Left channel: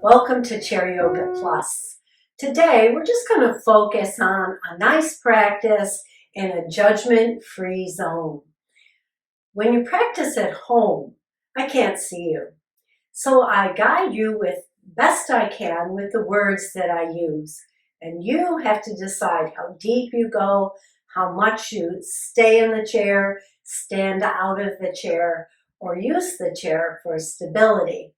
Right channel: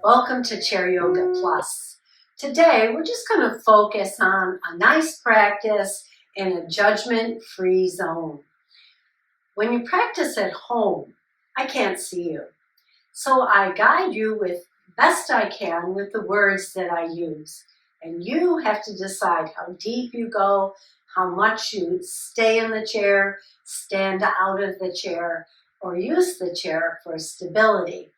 Welcome to Chair Yoga Plus. Today, we're just going to focus on a nice practice in a judgment-free zone. When you practice at home, I can't see you. So I guide you with best I can with the words that I use. And you have to decide how deep you go, how much you stay in the chair, stand out of the chair, or use the chair for stability.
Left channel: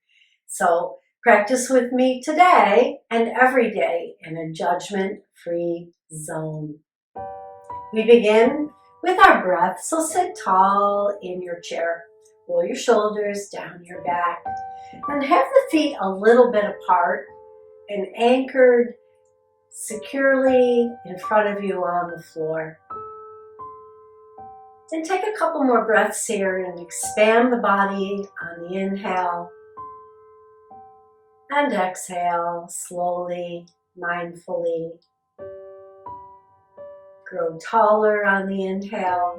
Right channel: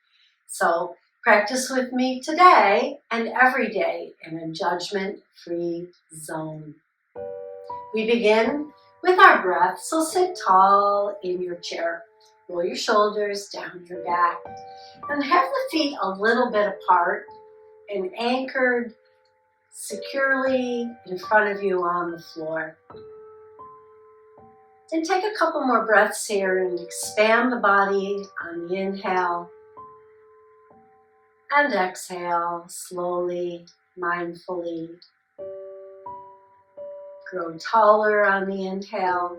So practice with me today and every day in a judgment-free zone. We begin with our breath, so sit tall in your chair. Roll your shoulders down your back and have the feet a little bit apart and anchored securely in front of you on the floor. Then take a couple more breaths here and expand the body on the inhale and exhale slowly, mindfully. Grow taller on the inhale.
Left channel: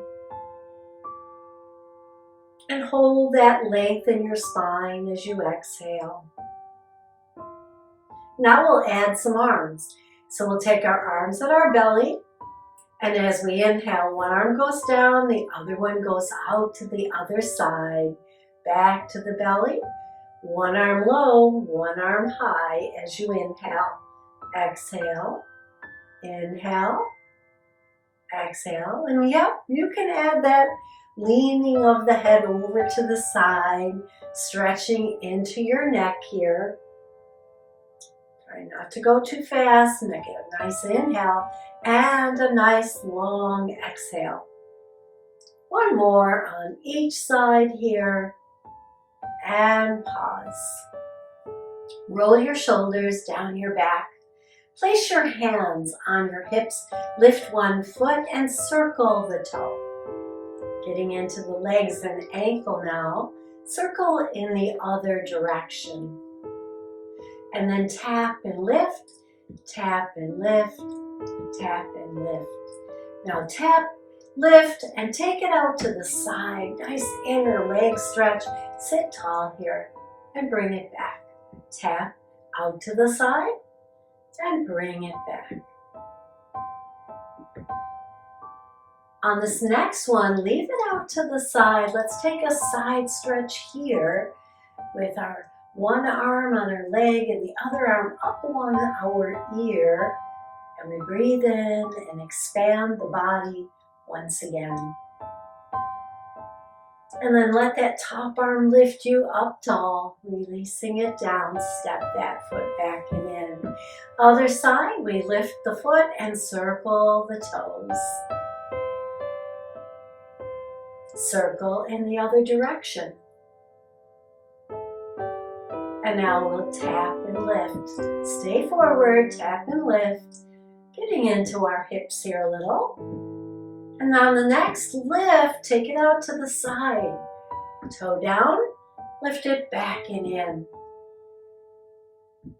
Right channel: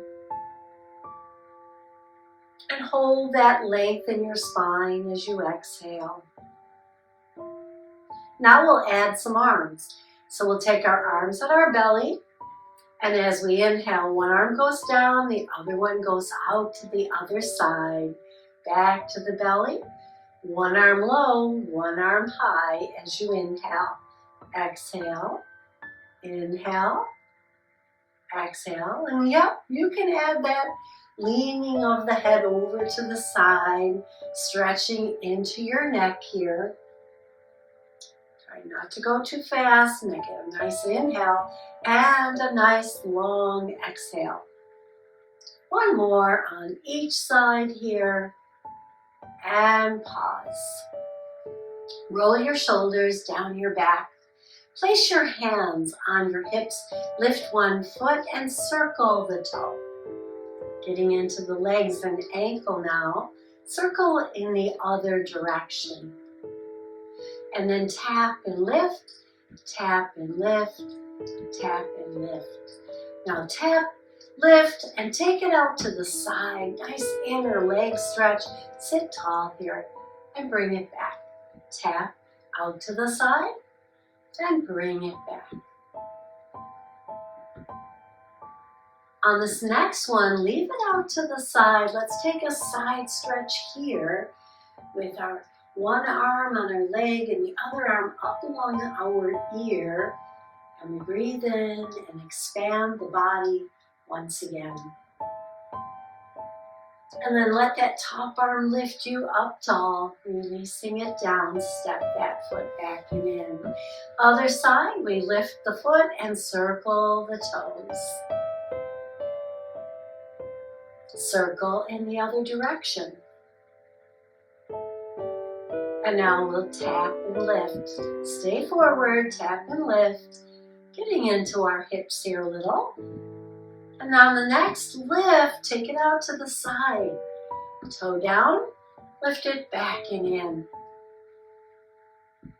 And hold that length in your spine as you exhale. Now we'll add some arms. So we'll take our arms at our belly, and as we inhale, one arm goes down, the other one goes out to the other side, back to the belly. One arm low, one arm high as you inhale. Exhale, inhale, exhale. And yep, you can add that leaning of the head over to the side, stretching into your neck here. Try not to go too fast and get a nice inhale and a nice long exhale. One more on each side here and pause. Roll your shoulders down your back. Place your hands on your hips, lift one foot and circle the toe. Getting into the legs and ankle now, circle in the other direction. And then tap and lift, tap and lift, tap and lift. Now tap, lift, and take it out to the side. Nice inner leg stretch. Sit tall here and bring it back. Tap out to the side and bring it back. On this next one, leave it out to the side. Let's take a side stretch here with our one arm on our leg and the other arm up along our ear. And we breathe in and expand the body once again. And then let that top arm lift you up tall, releasing it down. Step that foot back and in. Other side, we lift the foot and circle the toes. Circle in the other direction. And now we'll tap and lift. Stay forward, tap and lift. Getting into our hips here a little. And on the next lift, take it out to the side. Toe down, lift it back and in.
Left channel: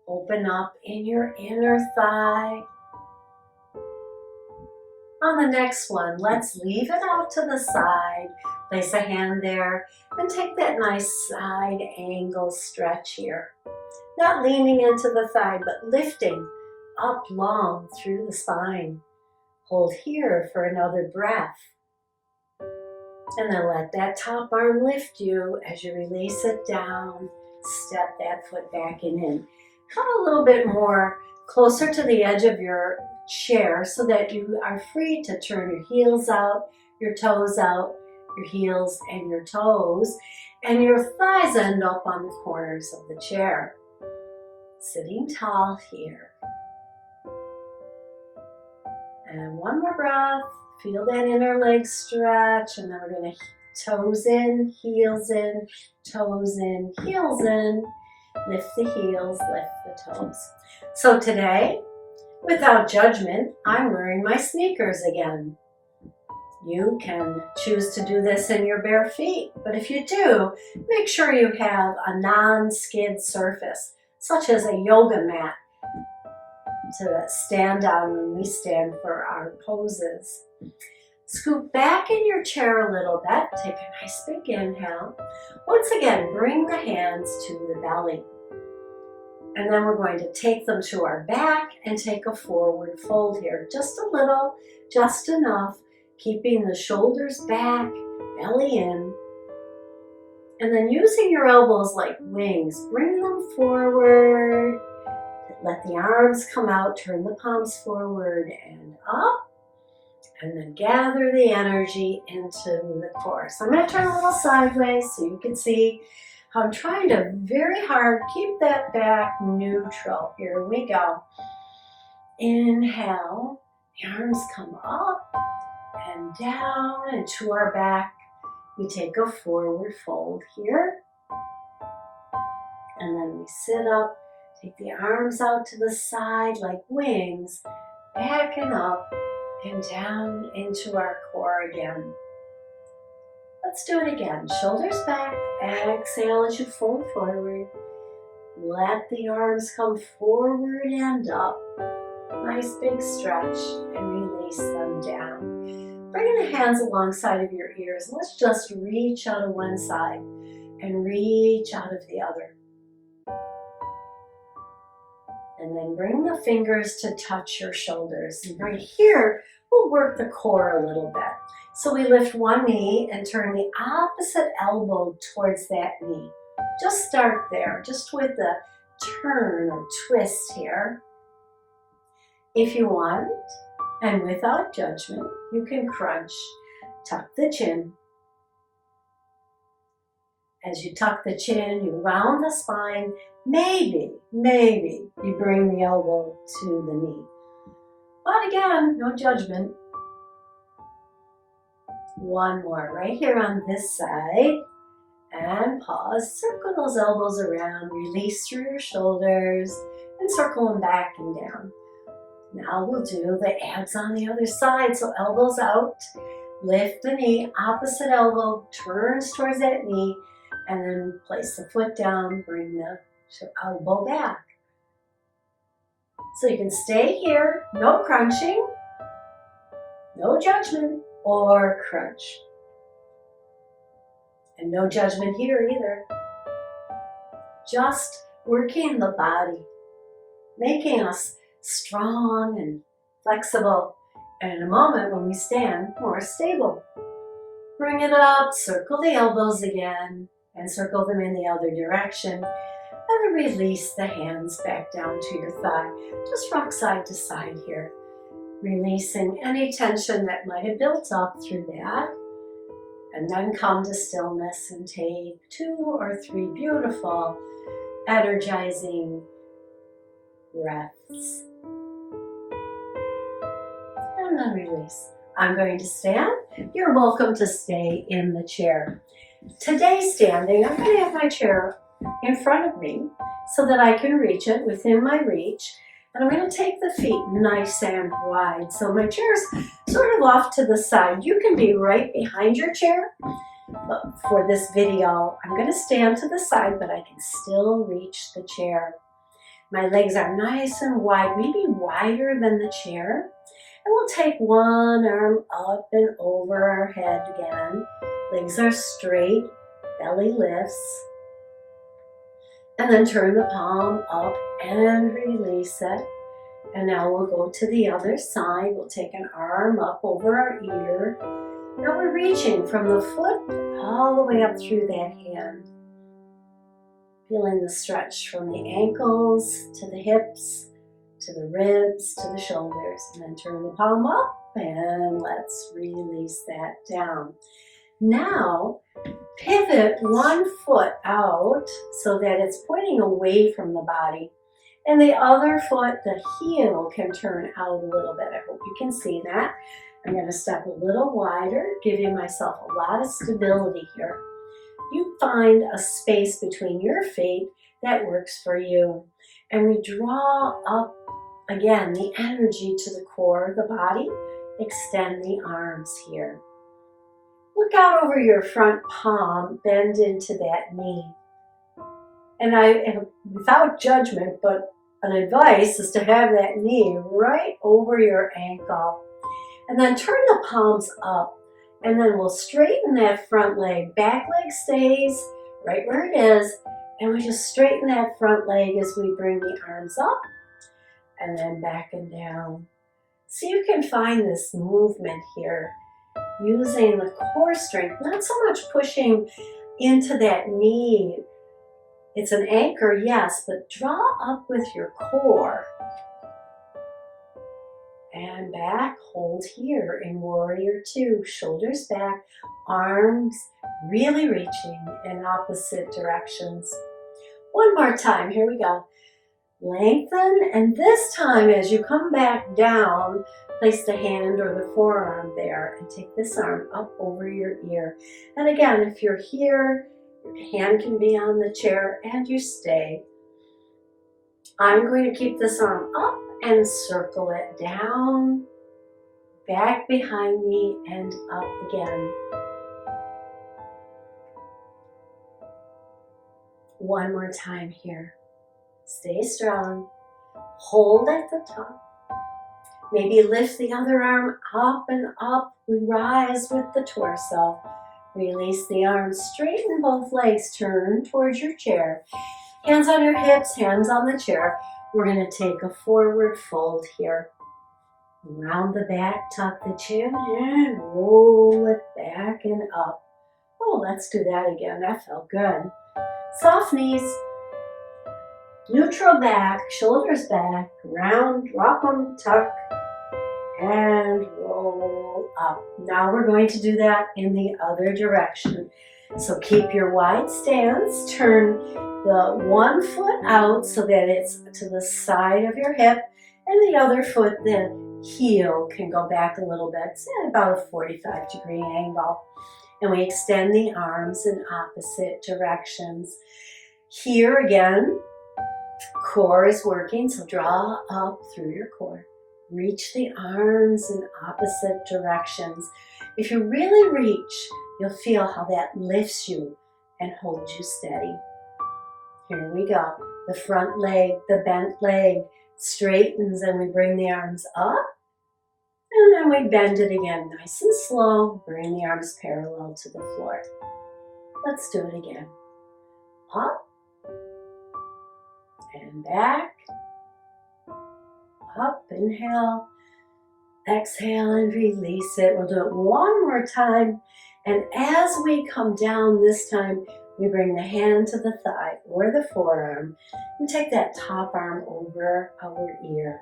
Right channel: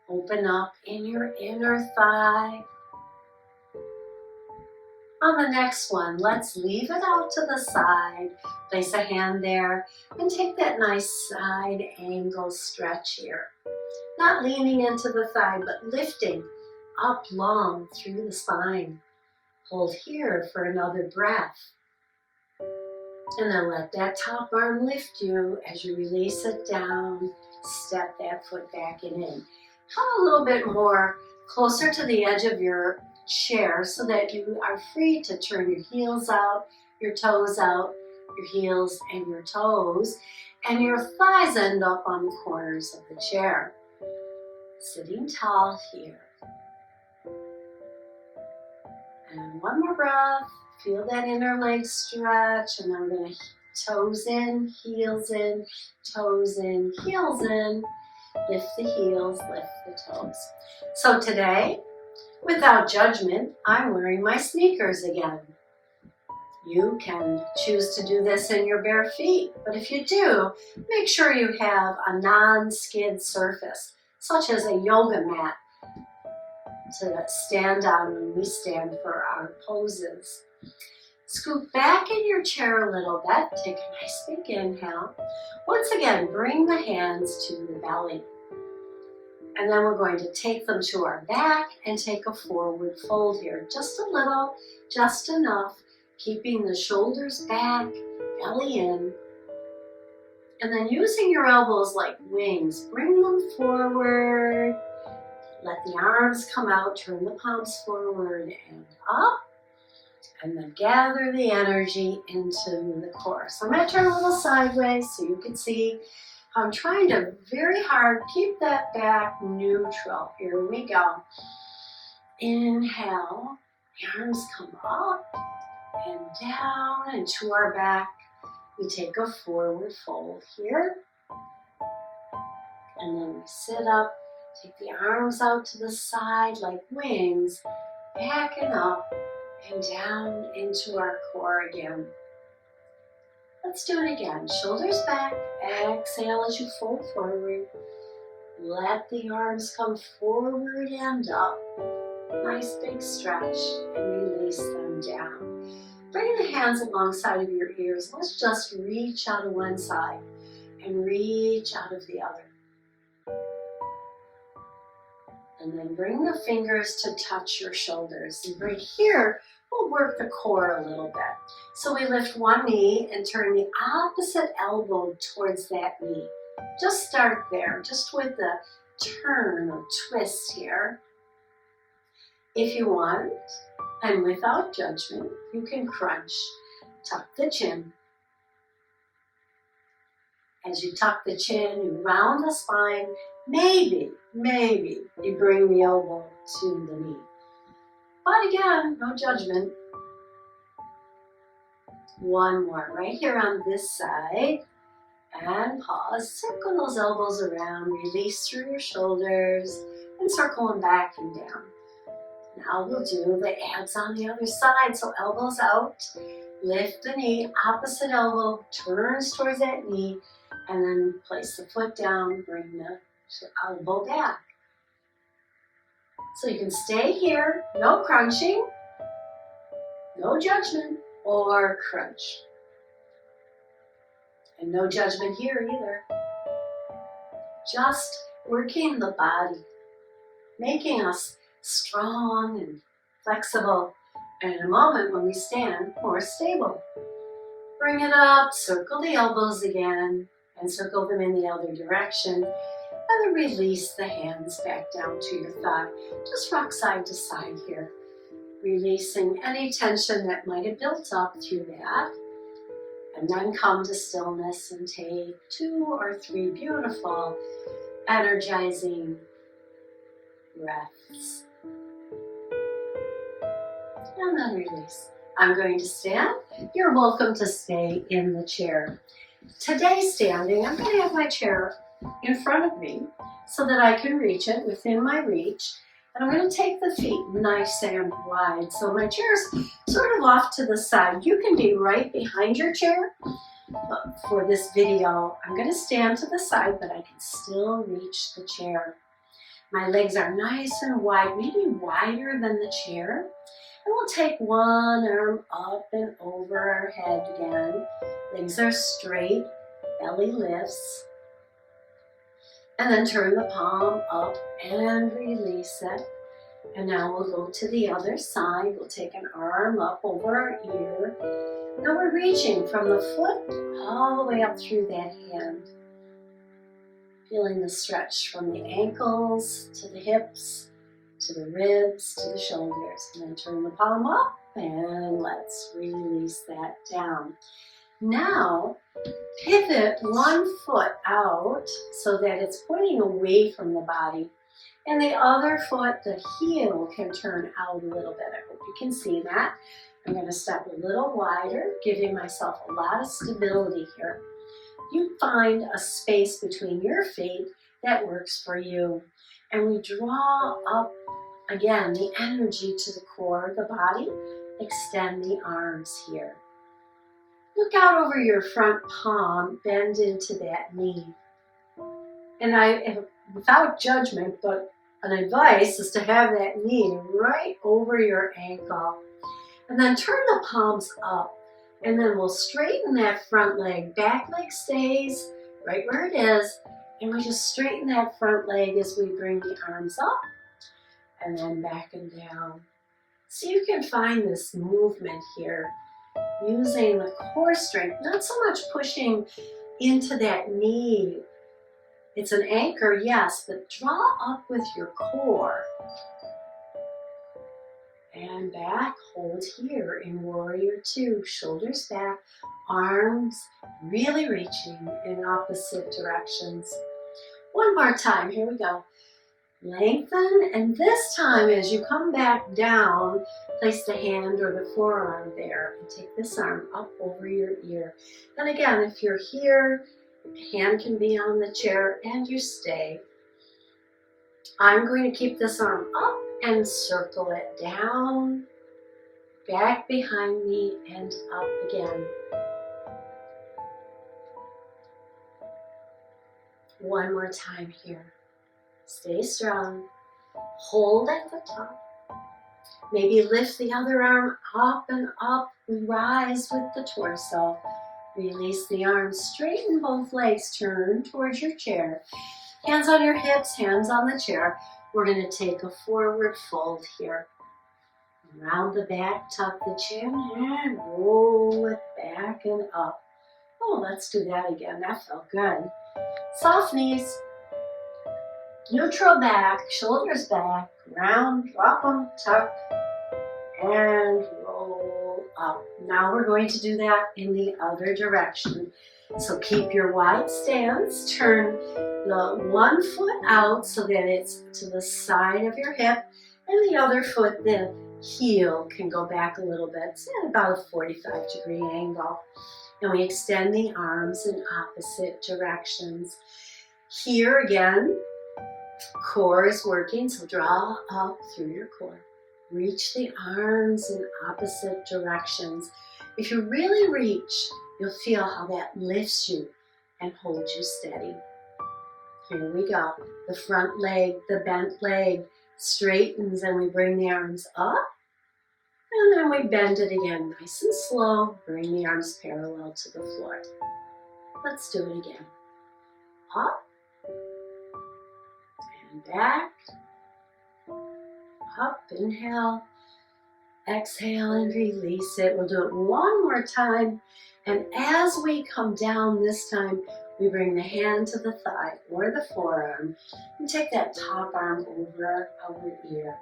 Open up in your inner thigh. On the next one, let's leave it out to the side. Place a hand there and take that nice side angle stretch here. Not leaning into the thigh, but lifting up long through the spine. Hold here for another breath. And then let that top arm lift you as you release it down. Step that foot back and in. Come a little bit more closer to the edge of your chair so that you are free to turn your heels out, your toes out, your heels and your toes, and your thighs end up on the corners of the chair. Sitting tall here. And one more breath. Feel that inner leg stretch, and then we're going to toes in, heels in, toes in, heels in. Lift the heels, lift the toes. So today, without judgment, I'm wearing my sneakers again. You can choose to do this in your bare feet, but if you do, make sure you have a non-skid surface, such as a yoga mat, to stand on when we stand for our poses. Scoot back in your chair a little bit. Take a nice big inhale. Once again, bring the hands to the belly. And then we're going to take them to our back and take a forward fold here. Just a little, just enough, keeping the shoulders back, belly in. And then using your elbows like wings, bring them forward. Let the arms come out, turn the palms forward and up. And then gather the energy into the core. So I'm going to turn a little sideways so you can see how I'm trying to very hard keep that back neutral. Here we go. Inhale, the arms come up and down and to our back. We take a forward fold here. And then we sit up, take the arms out to the side like wings, back and up and down into our core again. Let's do it again. Shoulders back, exhale as you fold forward. Let the arms come forward and up. Nice big stretch and release them down. Bring the hands alongside of your ears. Let's just reach out of one side and reach out of the other. And then bring the fingers to touch your shoulders. And right here, we'll work the core a little bit. So we lift one knee and turn the opposite elbow towards that knee. Just start there, just with the turn or twist here. If you want, and without judgment, you can crunch. Tuck the chin. As you tuck the chin, you round the spine. Maybe you bring the elbow to the knee. But again, no judgment. One more right here on this side. And pause. Circle those elbows around. Release through your shoulders. And circle them back and down. Now we'll do the abs on the other side. So elbows out. Lift the knee. Opposite elbow turns towards that knee. And then place the foot down. Bring the elbow back. So you can stay here, no crunching, no judgment, or crunch. And no judgment here either. Just working the body, making us strong and flexible, and in a moment when we stand, more stable. Bring it up, circle the elbows again, and circle them in the other direction. And then release the hands back down to your thigh. Just rock side to side here. Releasing any tension that might have built up through that. And then come to stillness and take 2 or 3 beautiful, energizing breaths. And then release. I'm going to stand. You're welcome to stay in the chair. Today standing, I'm going to have my chair in front of me so that I can reach it within my reach. And I'm going to take the feet nice and wide. So my chair's sort of off to the side. You can be right behind your chair. But for this video, I'm going to stand to the side, but I can still reach the chair. My legs are nice and wide, maybe wider than the chair. And we'll take one arm up and over our head again. Legs are straight, belly lifts. And then turn the palm up and release it. And now we'll go to the other side. We'll take an arm up over our ear. Now we're reaching from the foot all the way up through that hand. Feeling the stretch from the ankles to the hips, to the ribs, to the shoulders. And then turn the palm up and let's release that down. Now, pivot one foot out so that it's pointing away from the body. And the other foot, the heel, can turn out a little bit. I hope you can see that. I'm going to step a little wider, giving myself a lot of stability here. You find a space between your feet that works for you. And we draw up, again, the energy to the core of the body. Extend the arms here. Look out over your front palm, bend into that knee. And without judgment, but an advice is to have that knee right over your ankle. And then turn the palms up. And then we'll straighten that front leg. Back leg stays right where it is. And we just straighten that front leg as we bring the arms up and then back and down. So you can find this movement here using the core strength, not so much pushing into that knee. It's an anchor, yes, but draw up with your core. And back, hold here in Warrior Two. Shoulders back, arms really reaching in opposite directions. One more time, here we go. Lengthen, and this time as you come back down, place the hand or the forearm there and take this arm up over your ear. And again, if you're here, your hand can be on the chair and you stay. I'm going to keep this arm up and circle it down, back behind me and up again. One more time here. Stay strong. Hold at the top. Maybe lift the other arm up and up. We rise with the torso. Release the arms. Straighten both legs. Turn towards your chair. Hands on your hips, hands on the chair. We're going to take a forward fold here. Round the back, tuck the chin, and roll it back and up. Oh, let's do that again. That felt good. Soft knees. Neutral back, shoulders back, round, drop them, tuck, and roll up. Now we're going to do that in the other direction. So keep your wide stance, turn the one foot out so that it's to the side of your hip, and the other foot, the heel, can go back a little bit. It's at about a 45-degree angle. And we extend the arms in opposite directions. Here again, core is working, so draw up through your core. Reach the arms in opposite directions. If you really reach, you'll feel how that lifts you and holds you steady. Here we go. The front leg, the bent leg straightens and we bring the arms up. And then we bend it again, nice and slow. Bring the arms parallel to the floor. Let's do it again. Up. And back. Up, inhale. Exhale and release it. We'll do it one more time. And as we come down this time, we bring the hand to the thigh or the forearm and take that top arm over our ear.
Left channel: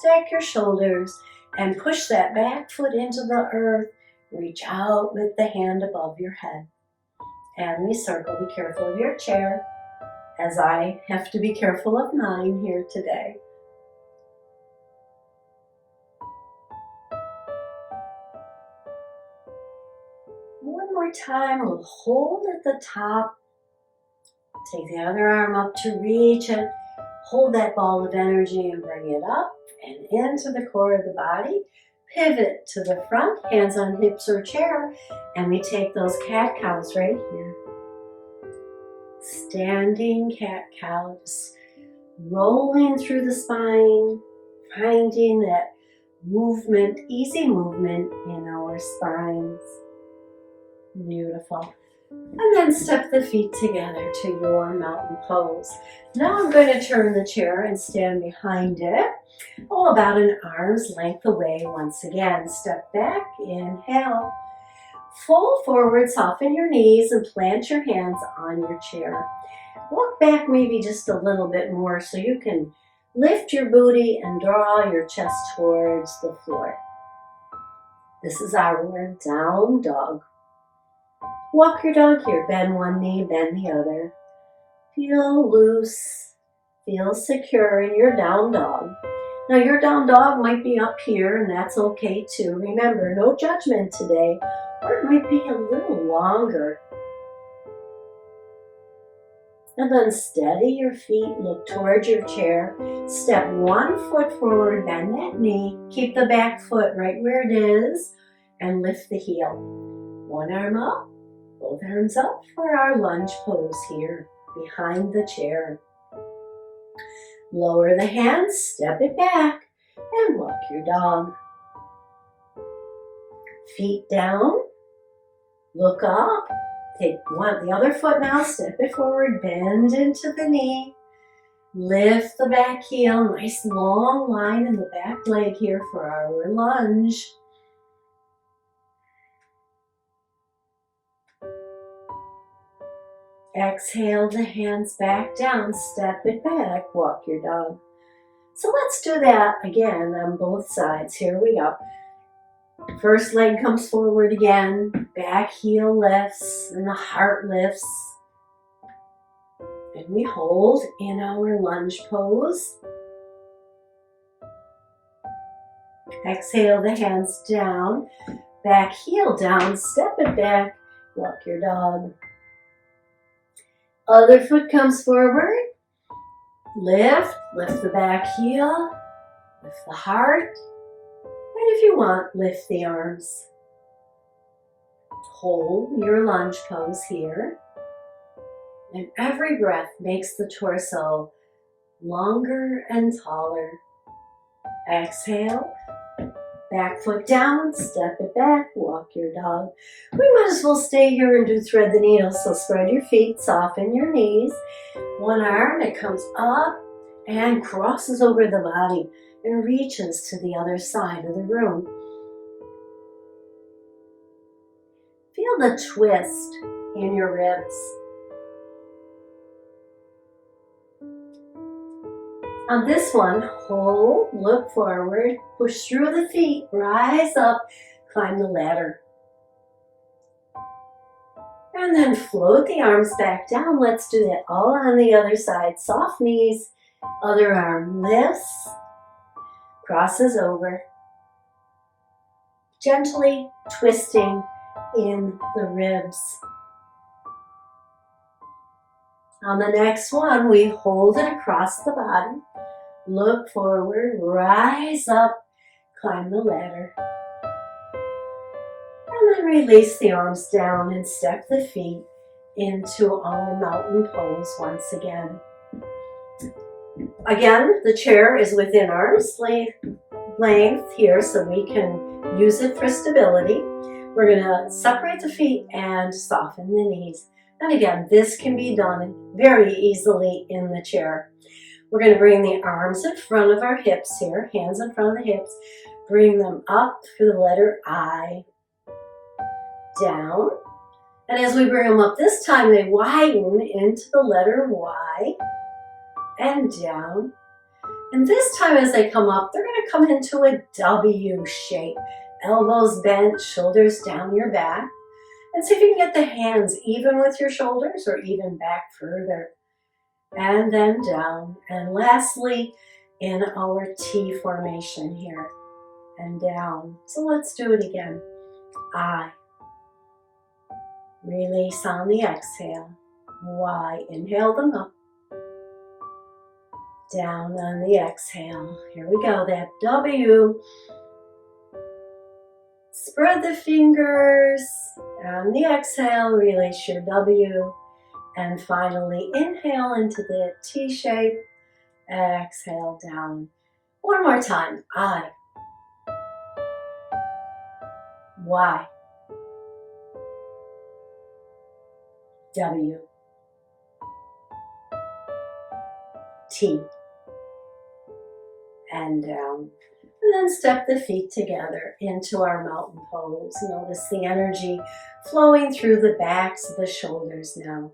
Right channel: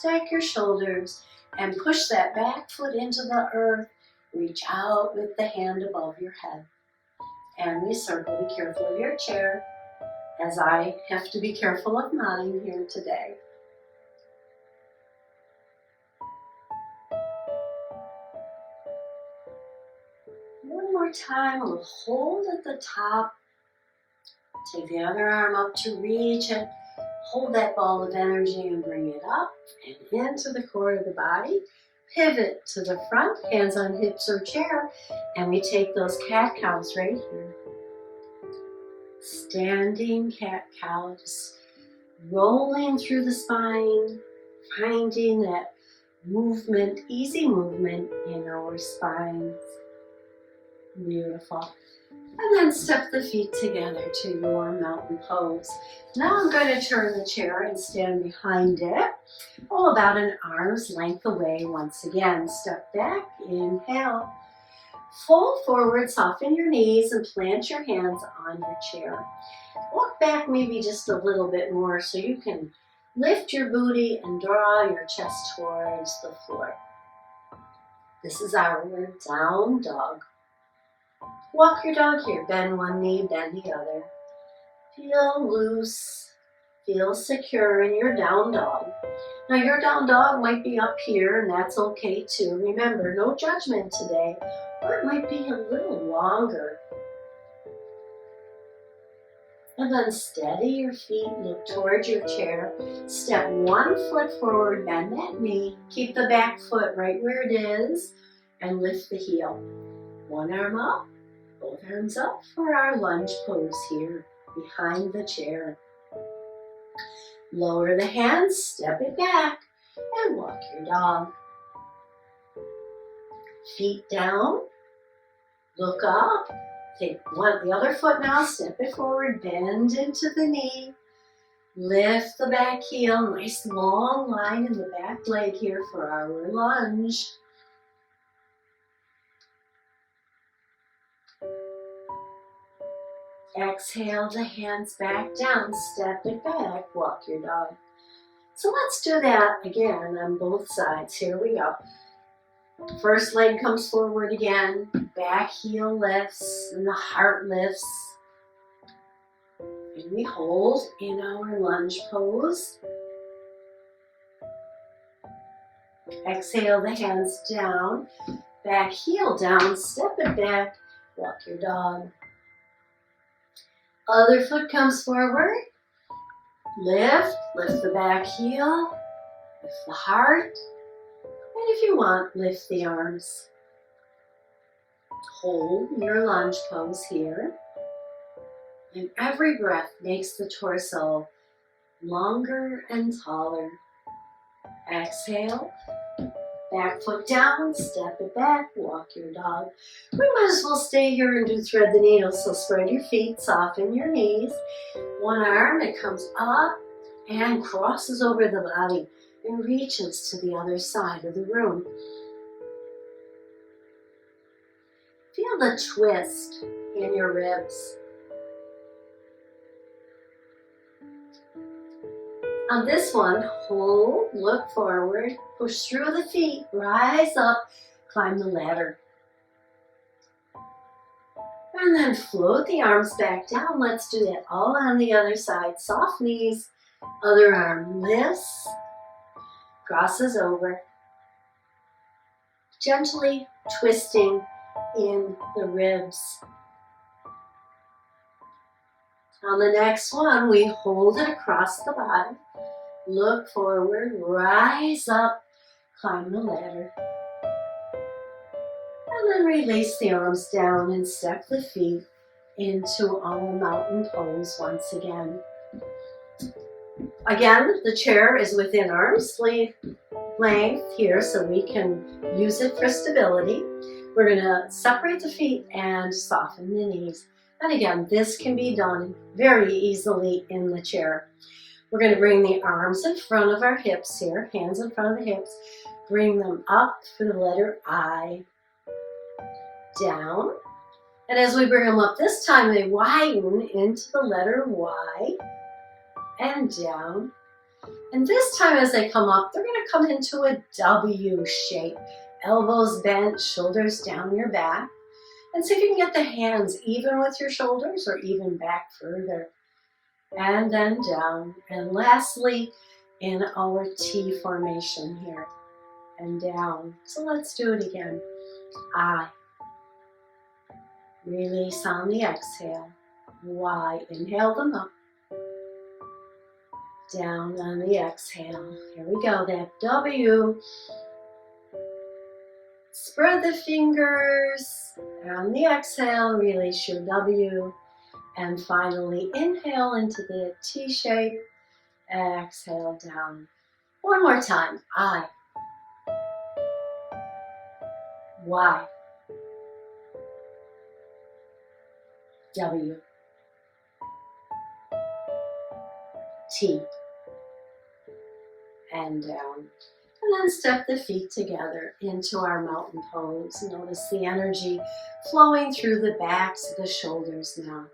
Stack your shoulders and push that back foot into the earth. Reach out with the hand above your head. And we circle. Be careful of your chair, as I have to be careful of mine here today. One more time, we'll hold at the top. Take the other arm up to reach it. Hold that ball of energy and bring it up and into the core of the body. Pivot to the front, hands on hips or chair, and we take those cat-cows right here. Standing cat-cow, just rolling through the spine, finding that movement, easy movement in our spines. Beautiful. And then step the feet together to your mountain pose. Now I'm going to turn the chair and stand behind it. Oh, about an arm's length away once again. Step back, inhale. Fold forward, soften your knees and plant your hands on your chair. Walk back maybe just a little bit more so you can lift your booty and draw your chest towards the floor. This is our down dog. Walk your dog here. Bend one knee, bend the other. Feel loose, feel secure in your down dog. Now your down dog might be up here and that's okay too. Remember, no judgment today, or it might be a little longer. And then steady your feet, look towards your chair. Step one foot forward, bend that knee. Keep the back foot right where it is and lift the heel. One arm up. Both arms up for our lunge pose here, behind the chair. Lower the hands, step it back, and walk your dog. Feet down, look up, Take the other foot now, step it forward, bend into the knee. Lift the back heel, nice long line in the back leg here for our lunge. Exhale the hands back down, step it back, walk your dog. So let's do that again on both sides. Here we go. First leg comes forward again, back heel lifts and the heart lifts. And we hold in our lunge pose. Exhale the hands down, back heel down, step it back, walk your dog. Other foot comes forward, lift the back heel, lift the heart, and if you want, lift the arms. Hold your lunge pose here, and every breath makes the torso longer and taller. Exhale, back foot down, step it back, walk your dog. We might as well stay here and do thread the needle, so spread your feet, soften your knees. One arm, it comes up and crosses over the body and reaches to the other side of the room. Feel the twist in your ribs. On this one, hold, look forward, push through the feet, rise up, climb the ladder. And then float the arms back down. Let's do that all on the other side. Soft knees, other arm lifts, crosses over. Gently twisting in the ribs. On the next one, we hold it across the body. Look forward, rise up, climb the ladder. And then release the arms down and step the feet into our mountain pose once again. Again, the chair is within arm's length here, so we can use it for stability. We're going to separate the feet and soften the knees. And again, this can be done very easily in the chair. We're going to bring the arms in front of our hips here, hands in front of the hips. Bring them up for the letter I, down. And as we bring them up this time, they widen into the letter Y and down. And this time as they come up, they're going to come into a W shape. Elbows bent, shoulders down your back. And see if you can get the hands even with your shoulders or even back further. And then down. And lastly, in our T formation here. And down. So let's do it again. I. Release on the exhale. Y. Inhale them up. Down on the exhale. Here we go. That W. Spread the fingers. On the exhale, release your W. And finally, inhale into the T shape. Exhale down. One more time. I. Y. W. T. And down. And then step the feet together into our mountain pose. Notice the energy flowing through the backs of the shoulders now.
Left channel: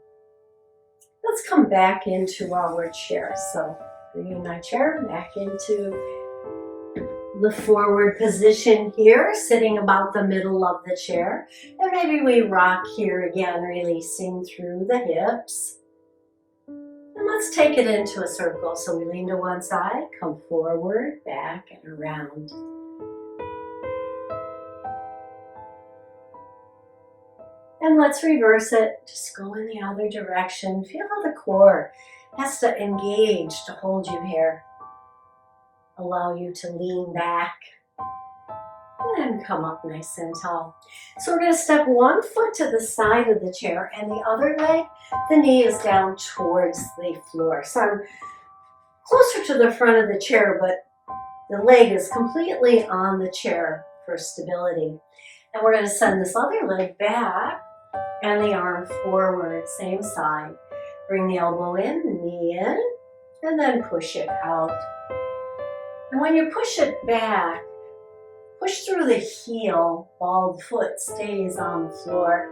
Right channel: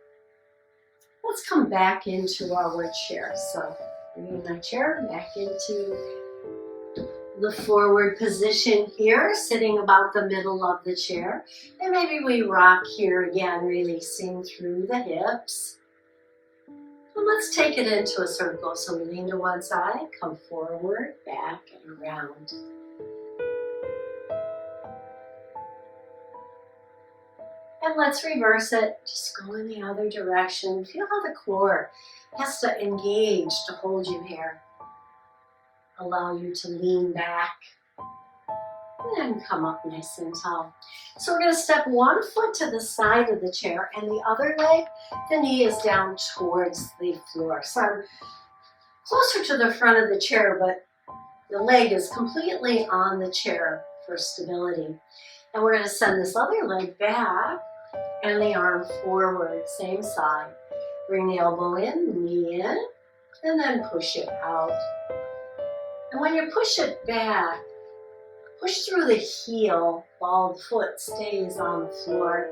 Let's come back into our chair. So bringing my chair back into the forward position here, sitting about the middle of the chair. And maybe we rock here again, releasing through the hips. And let's take it into a circle. So we lean to one side, come forward, back, and around. And let's reverse it. Just go in the other direction. Feel how the core has to engage to hold you here. Allow you to lean back. And then come up nice and tall. So we're going to step one foot to the side of the chair and the other leg, the knee is down towards the floor. So I'm closer to the front of the chair, but the leg is completely on the chair for stability. And we're going to send this other leg back and the arm forward, same side. Bring the elbow in, knee in, and then push it out. And when you push it back, push through the heel while the foot stays on the floor.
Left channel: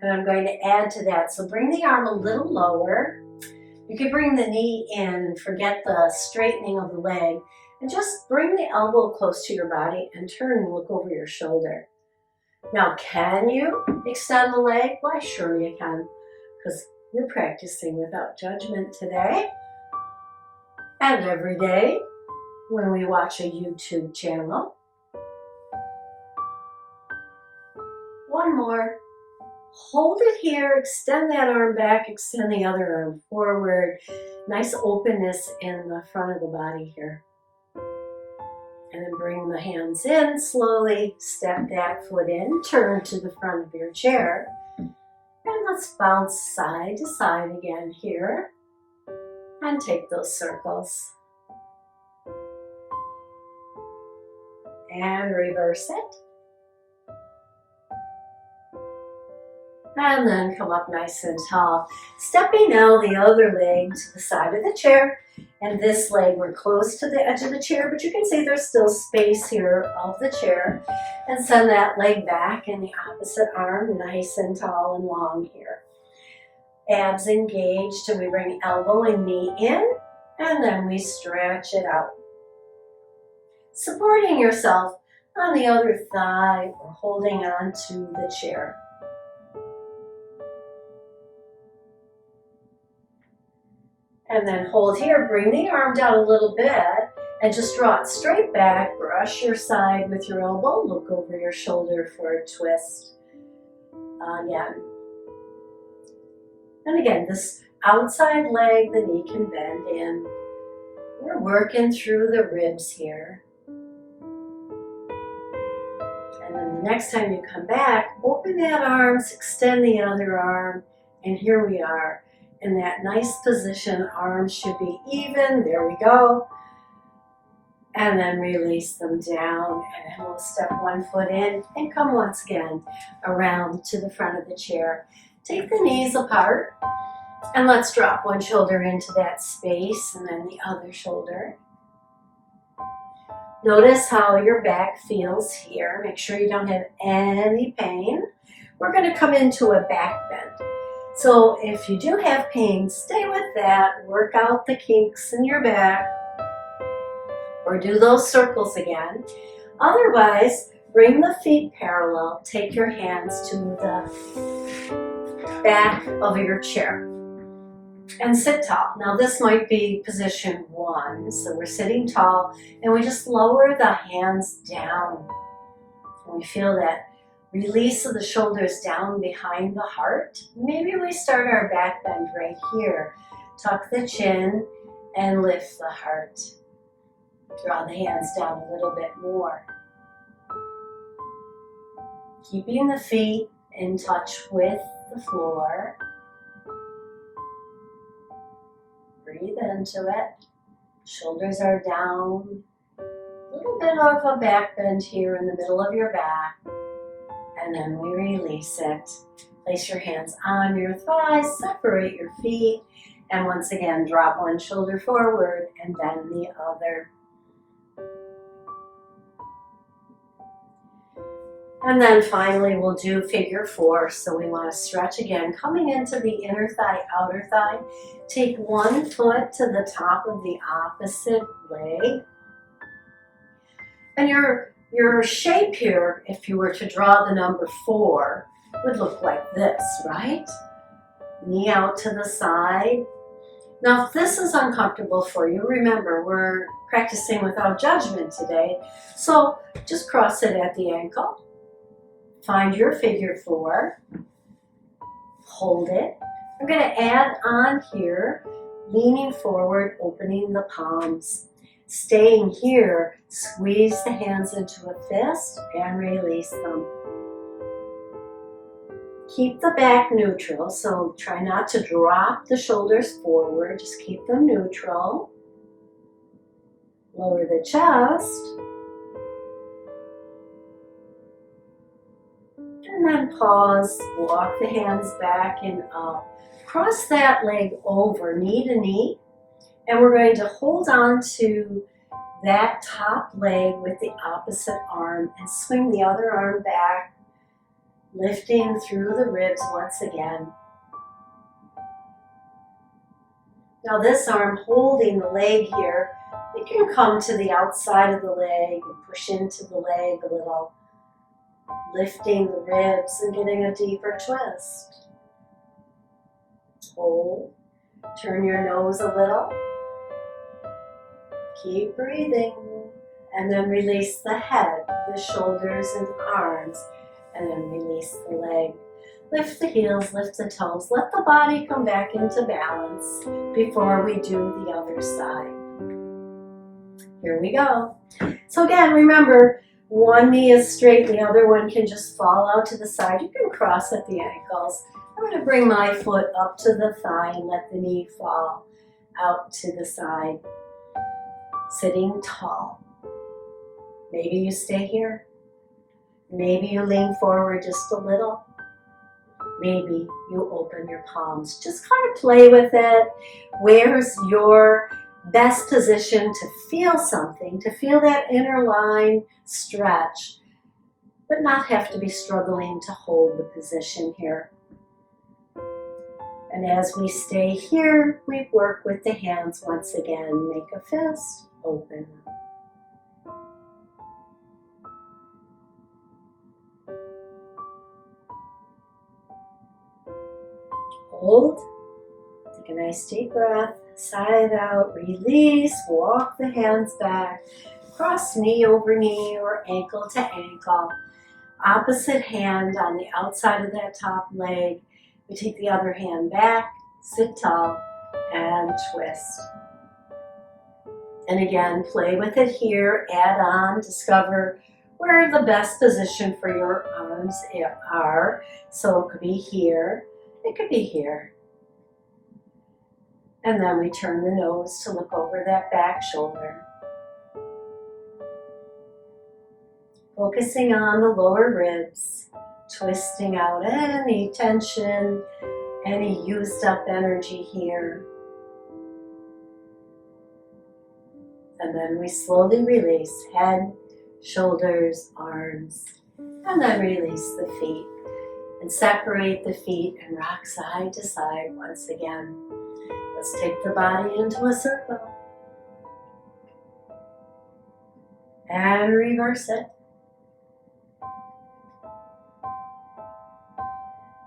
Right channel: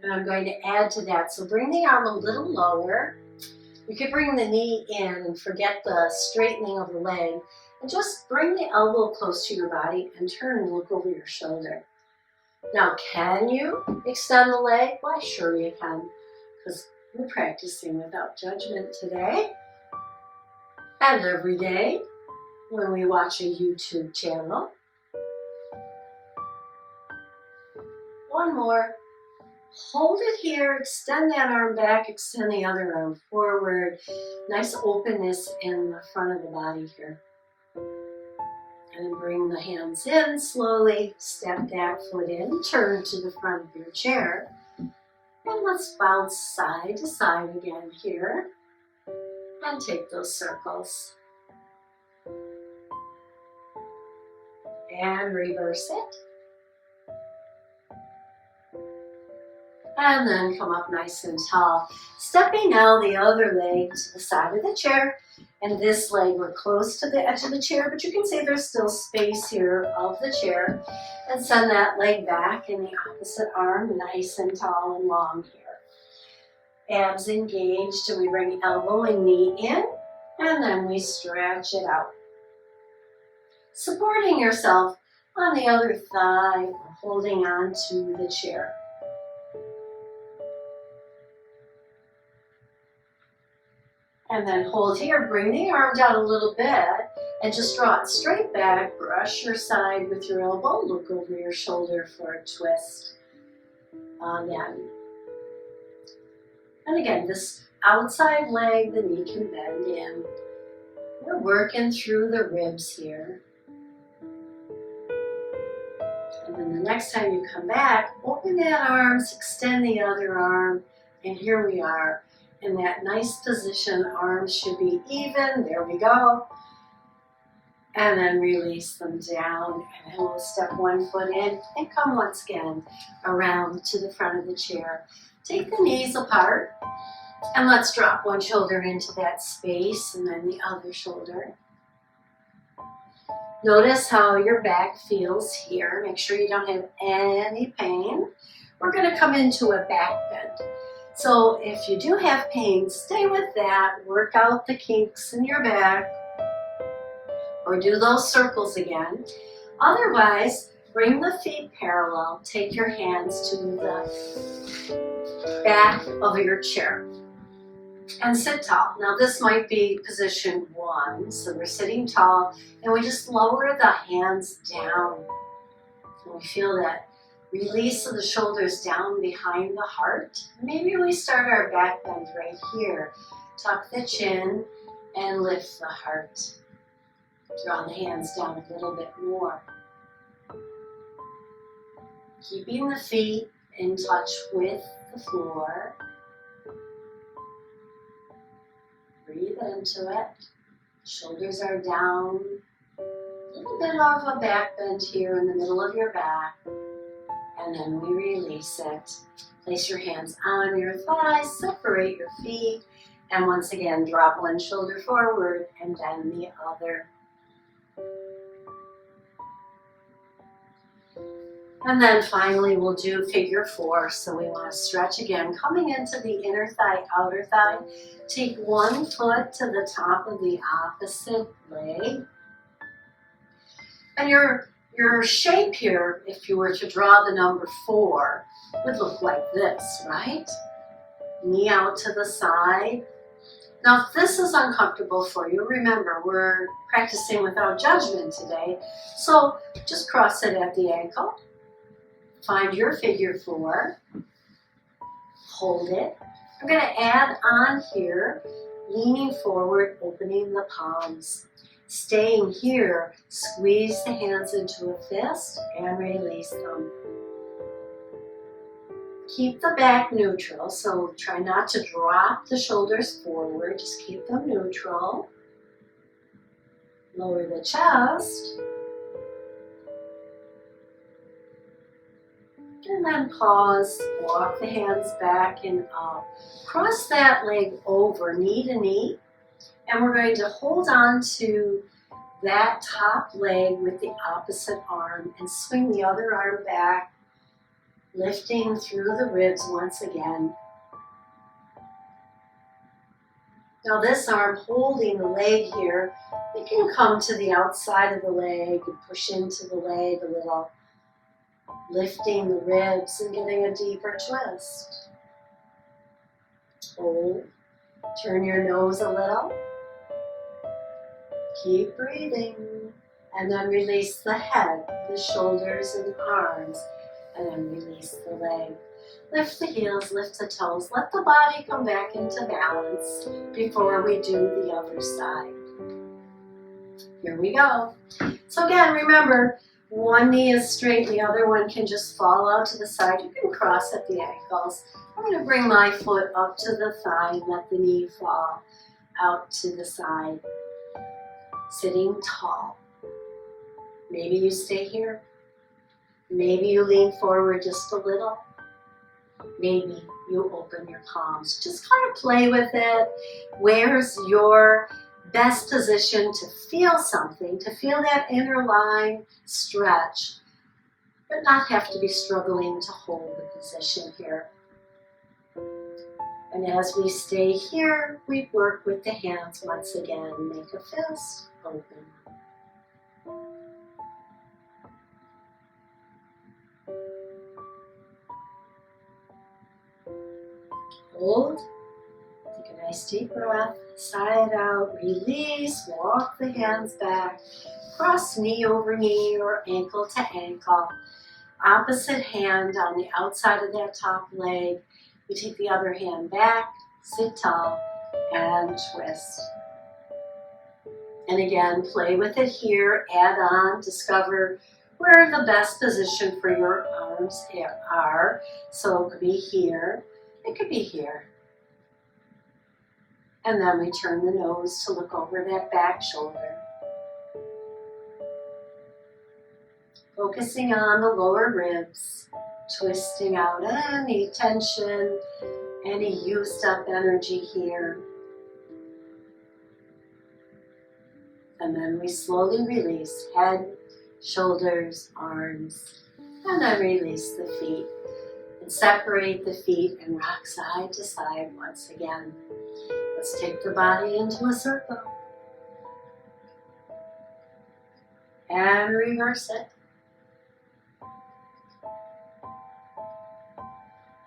And I'm going to add to that. So bring the arm a little lower. You could bring the knee in, forget the straightening of the leg, and just bring the elbow close to your body and turn and look over your shoulder. Now, can you extend the leg? Why, sure you can, because we're practicing without judgment today and every day when we watch a YouTube channel. One more. Hold it here, extend that arm back, extend the other arm forward. Nice openness in the front of the body here. And then bring the hands in slowly, step that foot in, turn to the front of your chair. And let's bounce side to side again here. And take those circles. And reverse it. And then come up nice and tall. Stepping now the other leg to the side of the chair. And this leg, we're close to the edge of the chair, but you can see there's still space here of the chair. And send that leg back in the opposite arm, nice and tall and long here. Abs engaged, and we bring elbow and knee in, and then we stretch it out. Supporting yourself on the other thigh or holding on to the chair. And then hold here, bring the arm down a little bit and just draw it straight back. Brush your side with your elbow, look over your shoulder for a twist. Again. And again, this outside leg, the knee can bend in. We're working through the ribs here. And then the next time you come back, open that arm, extend the other arm, and here we are. In that nice position, arms should be even, there we go. And then release them down, and then we'll step one foot in and come once again around to the front of the chair. Take the knees apart, and let's drop one shoulder into that space, and then the other shoulder. Notice how your back feels here. Make sure you don't have any pain. We're gonna come into a back bend. So if you do have pain, stay with that. Work out the kinks in your back or do those circles again. Otherwise, bring the feet parallel. Take your hands to the back of your chair and sit tall. Now this might be position 1. So we're sitting tall and we just lower the hands down. And we feel that release of the shoulders down behind the heart. Maybe we start our back bend right here. Tuck the chin and lift the heart. Draw the hands down a little bit more. Keeping the feet in touch with the floor. Breathe into it. Shoulders are down. A little bit of a back bend here in the middle of your back. And then we release it. Place your hands on your thighs, separate your feet, and once again, drop one shoulder forward and then the other. And then finally, we'll do figure 4. So we want to stretch again, coming into the inner thigh, outer thigh. Take one foot to the top of the opposite leg. And your shape here, if you were to draw the number 4, would look like this, right? Knee out to the side. Now, if this is uncomfortable for you, remember, we're practicing without judgment today. So just cross it at the ankle. Find your figure 4. Hold it. I'm going to add on here, leaning forward, opening the palms. Staying here, squeeze the hands into a fist and release them. Keep the back neutral, so try not to drop the shoulders forward, just keep them neutral. Lower the chest. then pause, walk the hands back and up. Cross that leg over, knee to knee. And we're going to hold on to that top leg with the opposite arm and swing the other arm back, lifting through the ribs once again. Now this arm holding the leg here, you can come to the outside of the leg and push into the leg a little, lifting the ribs and getting a deeper twist. Hold, turn your nose a little. Keep breathing, and then release the head, the shoulders and arms, and then release the leg. Lift the heels, lift the toes, let the body come back into balance before we do the other side. Here we go. So again, remember, one knee is straight, the other one can just fall out to the side. You can cross at the ankles. I'm going to bring my foot up to the thigh and let the knee fall out to the side. Sitting tall. Maybe you stay here. Maybe you lean forward just a little. Maybe you open your palms. Just kind of play with it. Where's your best position to feel something, to feel that inner line stretch, but not have to be struggling to hold the position here. And as we stay here, we work with the hands once again. Make a fist, open. Hold, take a nice deep breath, sigh it out, release, walk the hands back, cross knee over knee or ankle to ankle. Opposite hand on the outside of that top leg. We take the other hand back, sit tall, and twist. And again, play with it here, add on, discover where the best position for your arms are. So it could be here, it could be here. And then we turn the nose to look over that back shoulder. Focusing on the lower ribs, twisting out any tension, any used up energy here. And then we slowly release head, shoulders, arms, and then release the feet. And separate the feet and rock side to side once again. Let's take the body into a circle. And reverse it.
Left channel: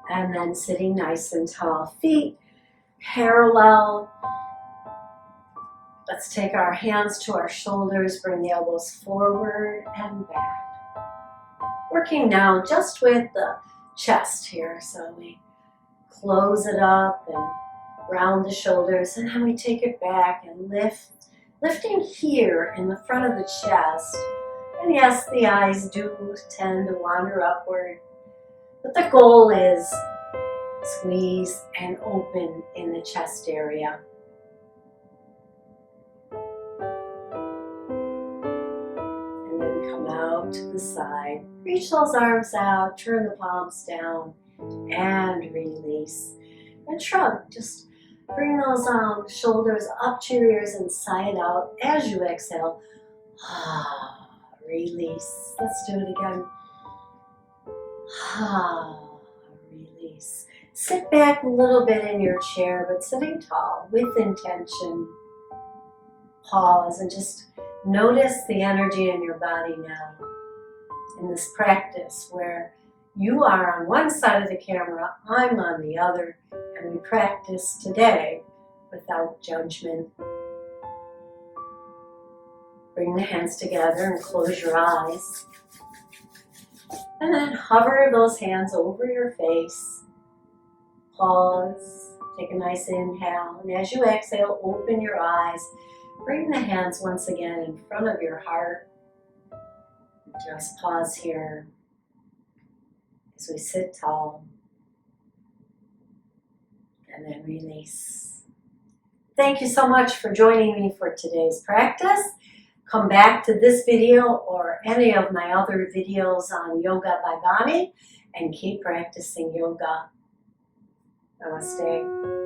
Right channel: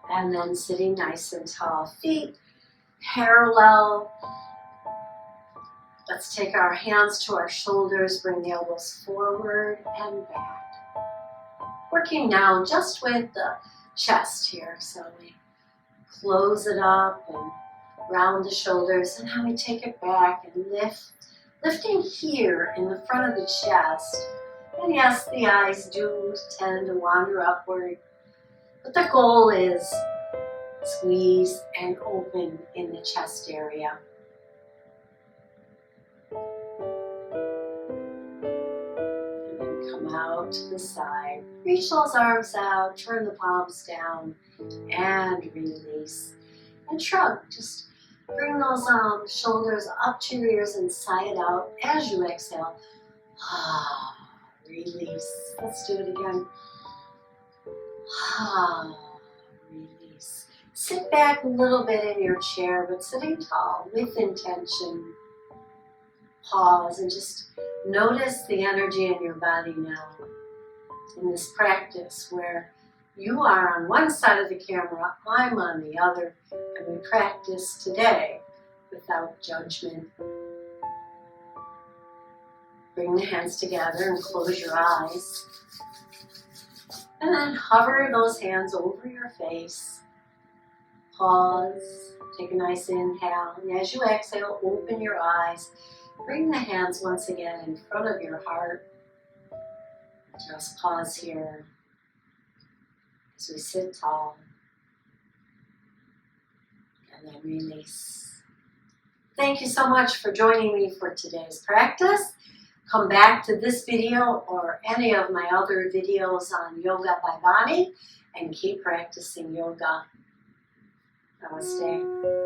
And then sitting nice and tall, feet parallel. Let's take our hands to our shoulders, bring the elbows forward and back. Working now just with the chest here. So we close it up and round the shoulders, and then we take it back and lifting here in the front of the chest. And yes, the eyes do tend to wander upward, but the goal is squeeze and open in the chest area. And then come out to the side. Reach those arms out, turn the palms down, and release. And shrug, just bring those shoulders up to your ears and sigh it out as you exhale. Release. Let's do it again. Release. Sit back a little bit in your chair, but sitting tall with intention. Pause and just notice the energy in your body now. In this practice where you are on one side of the camera, I'm on the other, and we practice today without judgment. Bring the hands together and close your eyes. And then hover those hands over your face. Pause, take a nice inhale, and as you exhale, open your eyes. Bring the hands once again in front of your heart. Just pause here as we sit tall. And then release. Thank you so much for joining me for today's practice. Come back to this video or any of my other videos on Yoga by Bonnie and keep practicing yoga. Namaste.